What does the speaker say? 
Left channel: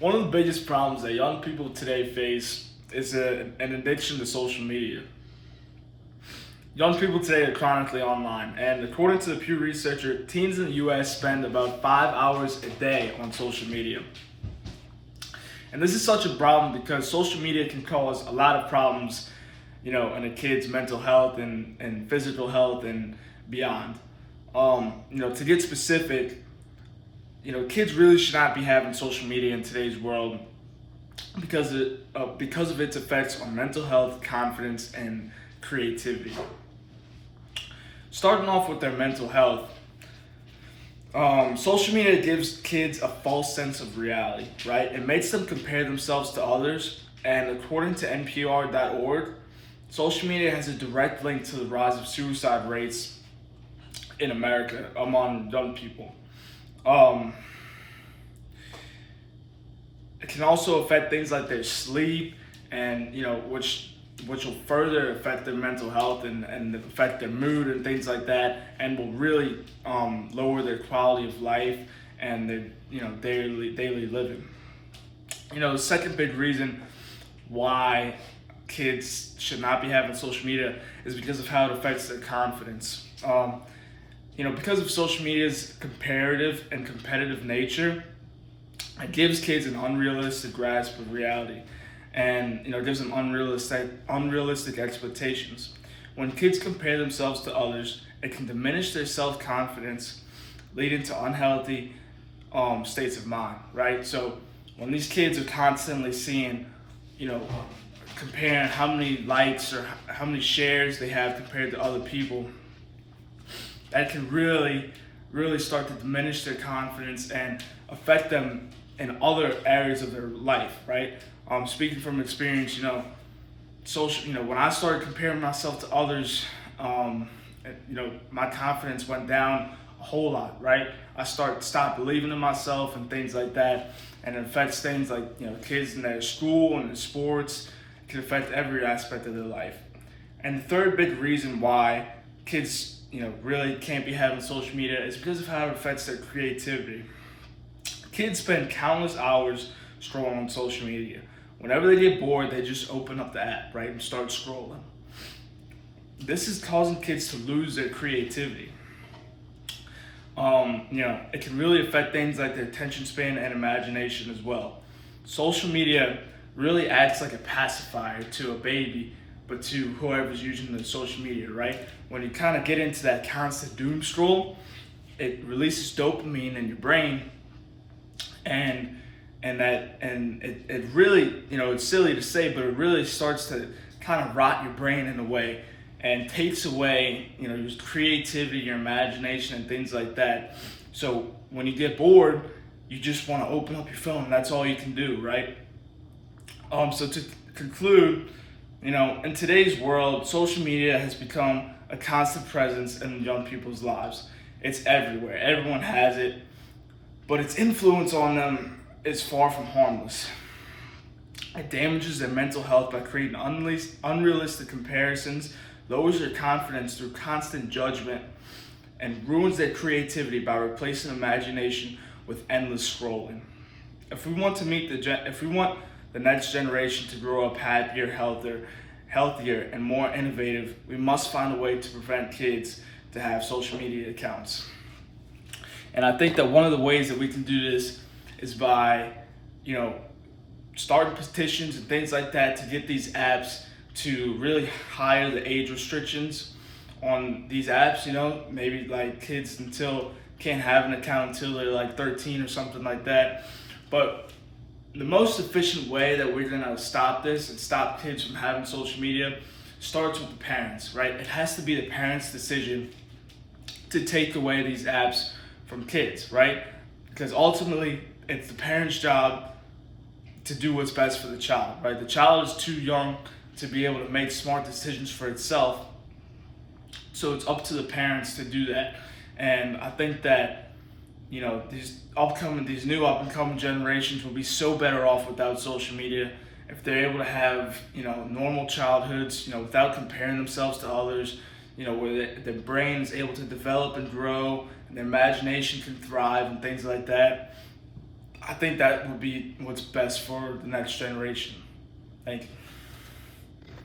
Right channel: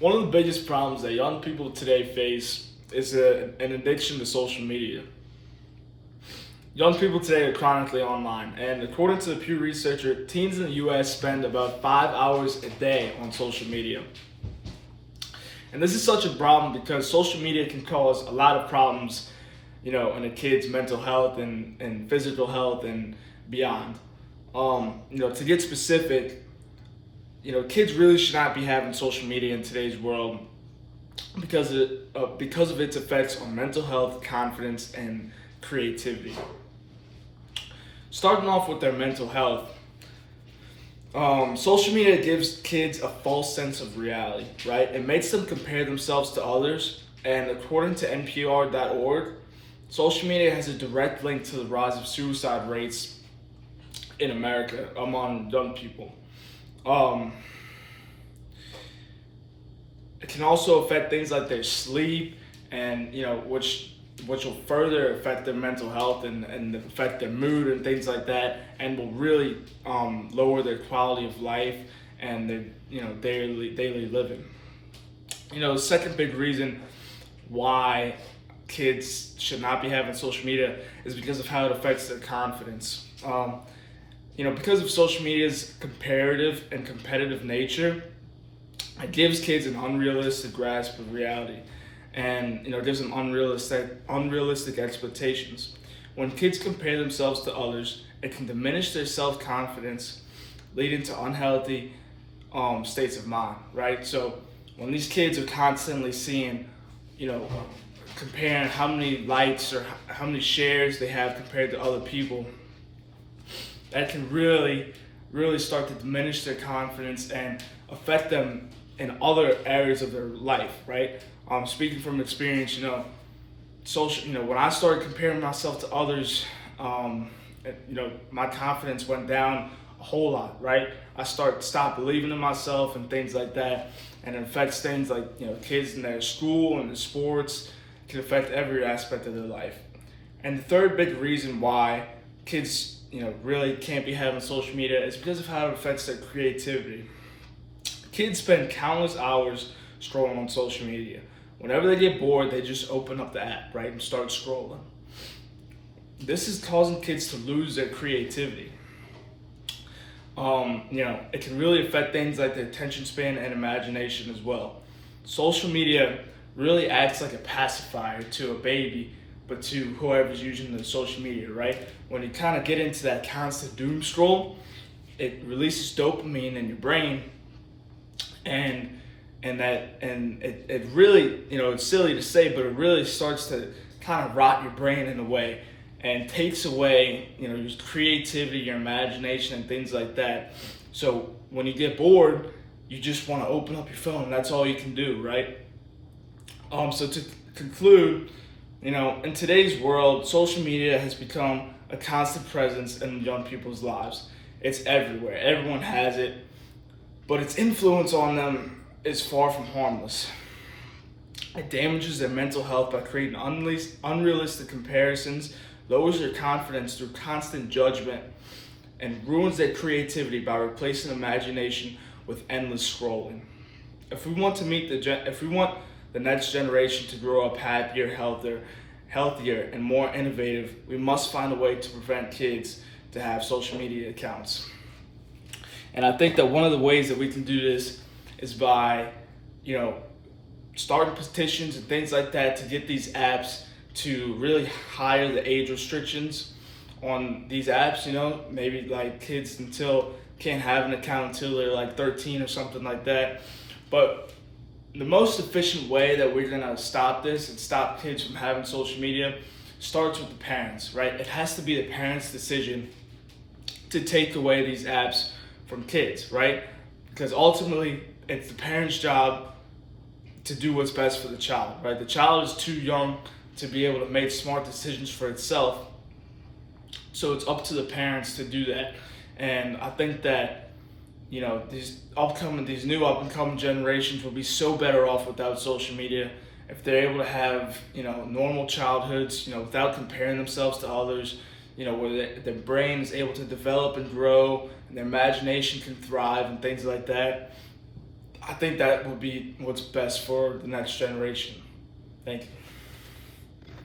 One of the biggest problems that young people today face is an addiction to social media. Young people today are chronically online, and according to the Pew Researcher, teens in the US spend about 5 hours a day on social media. And this is such a problem because social media can cause a lot of problems, in a kid's mental health and physical health and beyond. To get specific, kids really should not be having social media in today's world because of its effects on mental health, confidence, and creativity. Starting off with their mental health, social media gives kids a false sense of reality, right? It makes them compare themselves to others, and according to NPR.org, social media has a direct link to the rise of suicide rates in America among young people. It can also affect things like their sleep, and which will further affect their mental health and affect their mood and things like that, and will really lower their quality of life and their daily living. The second big reason why kids should not be having social media is because of how it affects their confidence. Because of social media's comparative and competitive nature, it gives kids an unrealistic grasp of reality, and gives them unrealistic expectations. When kids compare themselves to others, it can diminish their self-confidence, leading to unhealthy states of mind, right? So when these kids are constantly seeing, comparing how many likes or how many shares they have compared to other people, that can really, really start to diminish their confidence and affect them in other areas of their life, right? Speaking from experience, when I started comparing myself to others, my confidence went down a whole lot, right? I stopped believing in myself and things like that, and it affects things like, kids in their school and their sports. It can affect every aspect of their life. And the third big reason why kids, really can't be having social media is because of how it affects their creativity. Kids spend countless hours scrolling on social media. Whenever they get bored, they just open up the app, right, and start scrolling. This is causing kids to lose their creativity. It can really affect things like their attention span and imagination as well. Social media really acts like a pacifier to a baby, but to whoever's using the social media, right? When you kind of get into that constant doom scroll, it releases dopamine in your brain, and it really, it's silly to say, but it really starts to kind of rot your brain in a way and takes away, your creativity, your imagination, and things like that. So when you get bored, you just want to open up your phone, and that's all you can do, right? So to conclude, in today's world, social media has become a constant presence in young people's lives. It's everywhere. Everyone has it, but its influence on them is far from harmless. It damages their mental health by creating unrealistic comparisons, lowers their confidence through constant judgment, and ruins their creativity by replacing imagination with endless scrolling. If we want the next generation to grow up happier, healthier, and more innovative, we must find a way to prevent kids to have social media accounts. And I think that one of the ways that we can do this is by, starting petitions and things like that to get these apps to really higher the age restrictions on these apps. Maybe like kids can't have an account until they're like 13 or something like that. But the most efficient way that we're gonna stop this and stop kids from having social media starts with the parents, right? It has to be the parents' decision to take away these apps from kids, right? Because ultimately, it's the parents' job to do what's best for the child, right? The child is too young to be able to make smart decisions for itself, so it's up to the parents to do that. And I think that these new up and coming generations will be so better off without social media if they're able to have normal childhoods, without comparing themselves to others, where their brain is able to develop and grow, and their imagination can thrive and things like that. I think that would be what's best for the next generation. Thank you.